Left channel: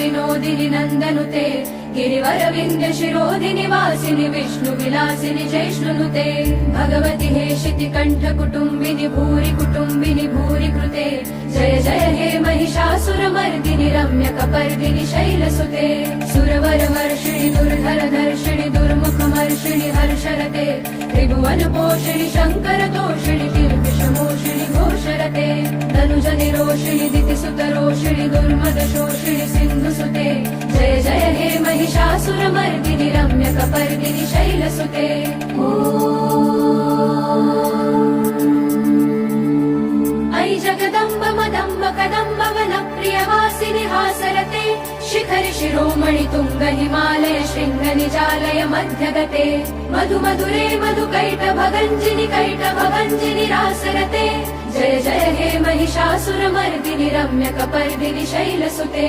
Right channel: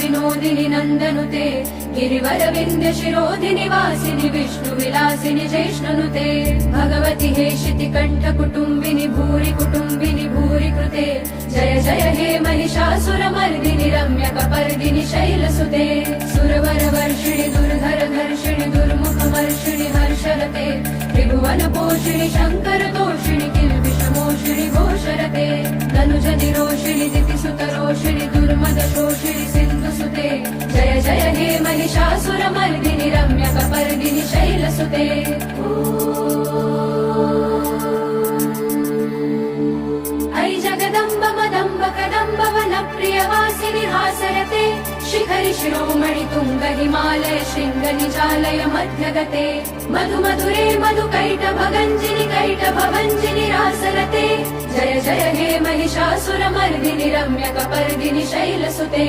विनोदिनि नन्दनुते गिरिवर विन्ध्य शिरोधिनि वासिनि विष्णु विलासिनि जैष्णुनुते भगवति हेशिति कण्ठ कुटुम्बिनि भूरि कृते जय जय हे महिषासुरमर्दिनि रम्यकपर्दिनि शैलसुते सुरवर वर्षिणि दुर्धर धर्षिणि दुर्मुखमर्षिणि हर्षरते त्रिभुवन पोषिणि शङ्कर तोषिणि किल्बिषमोषिणि घोषरते धनुजनि रोषिणि दितिसुतरोषिणि दुर्मद शोषिणि सिन्धुसुते जय जय हे महिषासुरमर्दिनि रम्यकपर्दिनि शैलसुते ऐ जगदम्ब मदम्ब कदम्ब वनप्रियवासिनि हासरते शिखरि शिरोमणि तुङ्ग हिमालय शृङ्ग निजालय मध्यगते मधु मधुरे मधुकैटभगञ्जिनि रासरते जय जय हे महिषासुरमर्दिनि रम्यकपर्दिनि शैलसुते